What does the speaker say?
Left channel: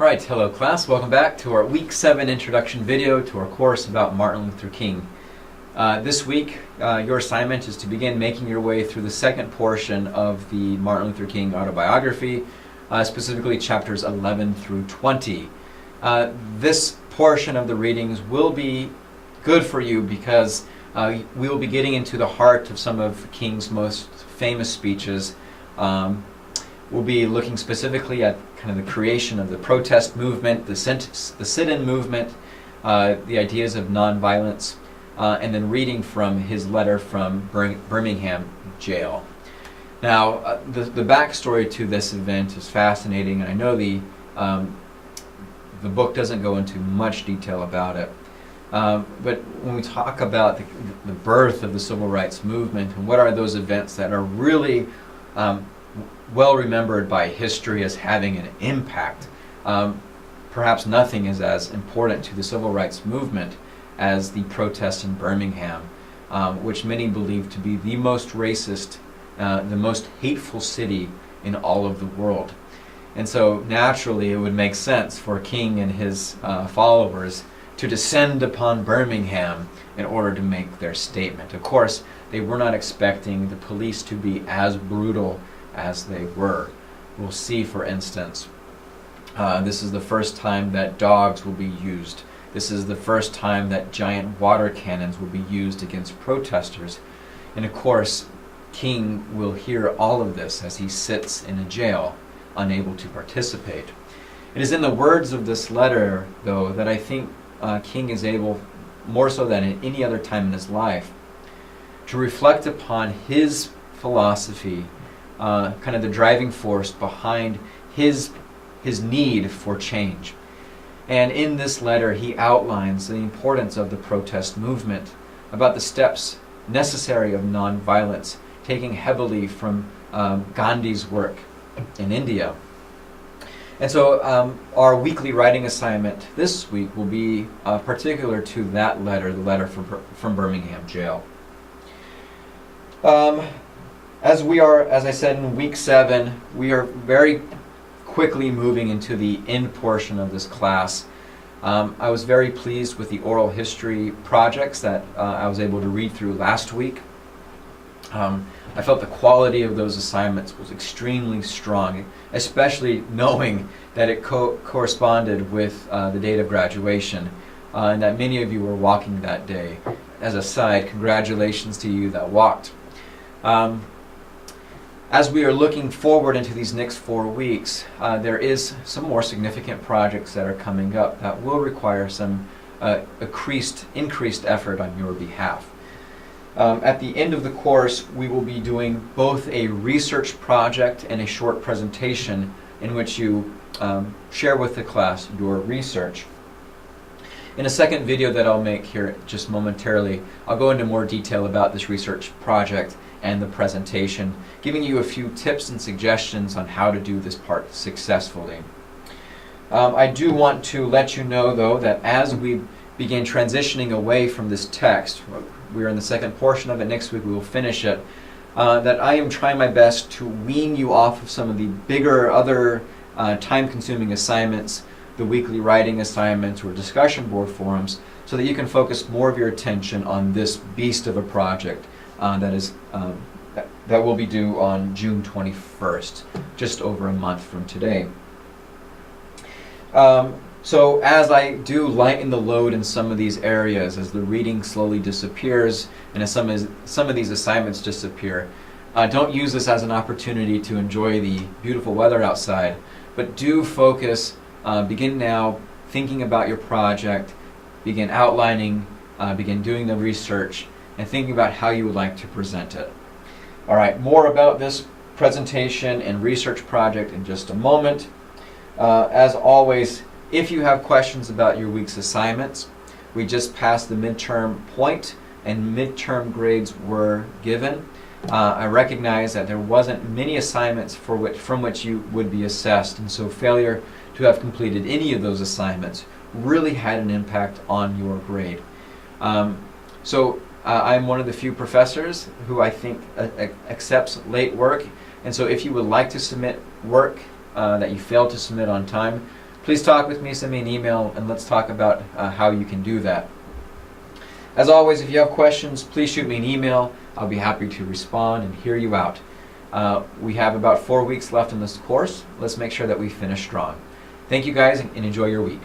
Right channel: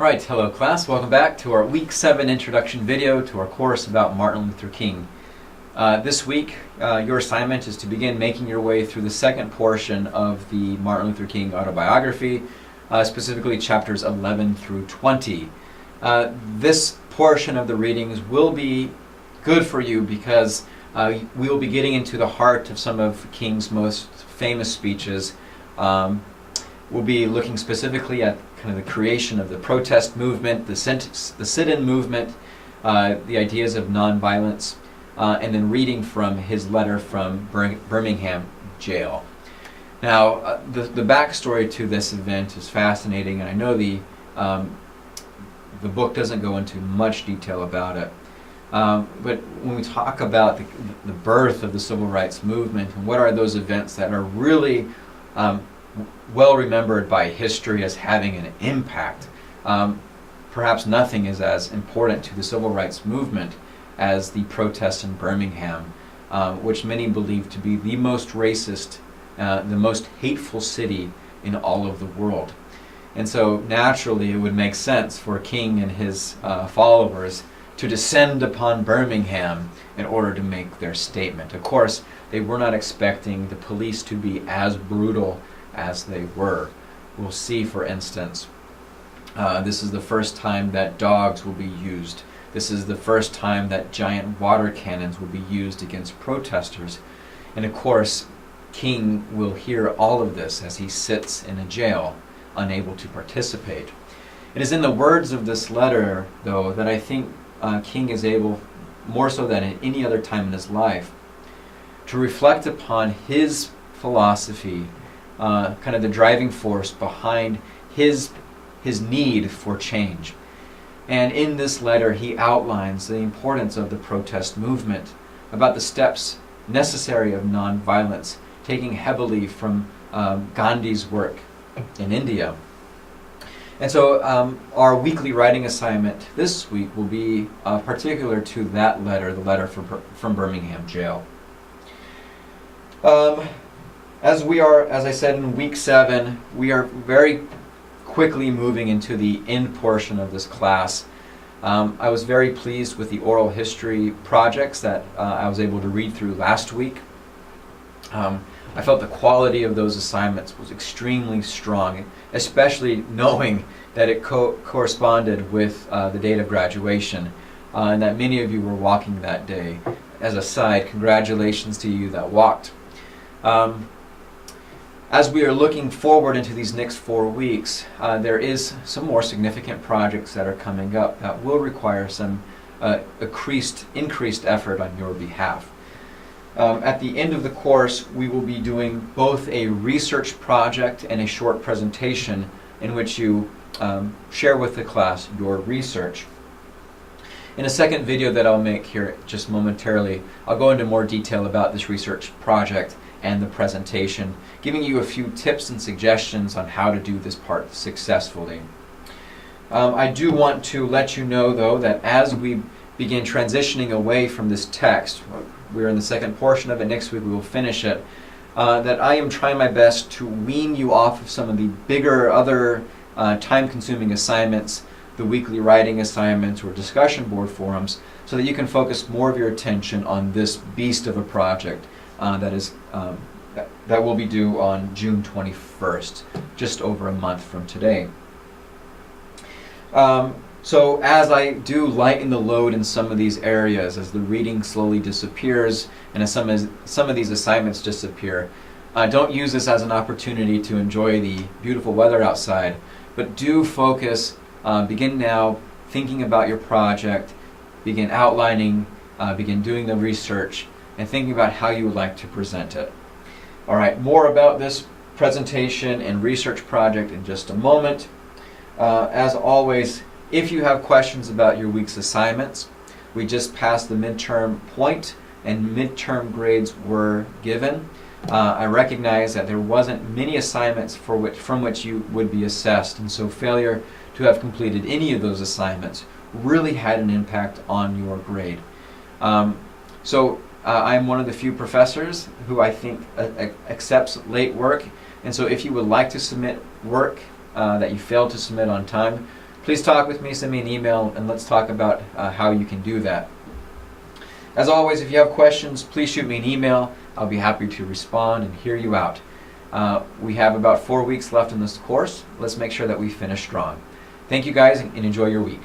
Right, hello class. Welcome back to our Week 7 introduction video to our course about Martin Luther King. This week, your assignment is to begin making your way through the second portion of the Martin Luther King autobiography, specifically chapters 11 through 20. This portion of the readings will be good for you because we will be getting into the heart of some of King's most famous speeches. We'll be looking specifically at kind of the creation of the protest movement, the sit-in movement, the ideas of nonviolence, and then reading from his letter from Birmingham jail. Now, the backstory to this event is fascinating, and I know the book doesn't go into much detail about it. But when we talk about the birth of the civil rights movement, what are those events that are really well remembered by history as having an impact? Perhaps nothing is as important to the civil rights movement as the protests in Birmingham, which many believe to be the most racist, the most hateful city in all of the world. And so naturally it would make sense for King and his followers to descend upon Birmingham in order to make their statement. Of course, they were not expecting the police to be as brutal as they were. We'll see, for instance, this is the first time that dogs will be used. This is the first time that giant water cannons will be used against protesters. And of course, King will hear all of this as he sits in a jail, unable to participate. It is in the words of this letter, though, that I think King is able, more so than at any other time in his life, to reflect upon his philosophy, kind of the driving force behind his need for change. And in this letter, he outlines the importance of the protest movement, about the steps necessary of nonviolence, taking heavily from Gandhi's work in India. And so our weekly writing assignment this week will be particular to that letter, the letter from Birmingham jail. As I said, in week 7, we are very quickly moving into the end portion of this class. I was very pleased with the oral history projects that I was able to read through last week. I felt the quality of those assignments was extremely strong, especially knowing that it corresponded with the date of graduation, and that many of you were walking that day. As a side, congratulations to you that walked. As we are looking forward into these next 4 weeks, there is some more significant projects that are coming up that will require some increased effort on your behalf. At the end of the course, we will be doing both a research project and a short presentation in which you share with the class your research. In a second video that I'll make here just momentarily, I'll go into more detail about this research project and the presentation, giving you a few tips and suggestions on how to do this part successfully. I do want to let you know, though, that as we begin transitioning away from this text, we're in the second portion of it, next week we will finish it, that I am trying my best to wean you off of some of the bigger, other time-consuming assignments, the weekly writing assignments or discussion board forums, so that you can focus more of your attention on this beast of a project that will be due on June 21st, just over a month from today. So as I do lighten the load in some of these areas, as the reading slowly disappears, and as some of these assignments disappear, don't use this as an opportunity to enjoy the beautiful weather outside, but do focus, begin now thinking about your project, begin outlining, begin doing the research, and thinking about how you would like to present it. All right, more about this presentation and research project in just a moment. As always, if you have questions about your week's assignments, we just passed the midterm point and midterm grades were given. I recognize that there wasn't many assignments from which you would be assessed, and so failure to have completed any of those assignments really had an impact on your grade. I am one of the few professors who I think accepts late work, and so if you would like to submit work that you failed to submit on time, please talk with me, send me an email, and let's talk about how you can do that. As always, if you have questions, please shoot me an email. I'll be happy to respond and hear you out. We have about 4 weeks left in this course. Let's make sure that we finish strong. Thank you guys, and enjoy your week.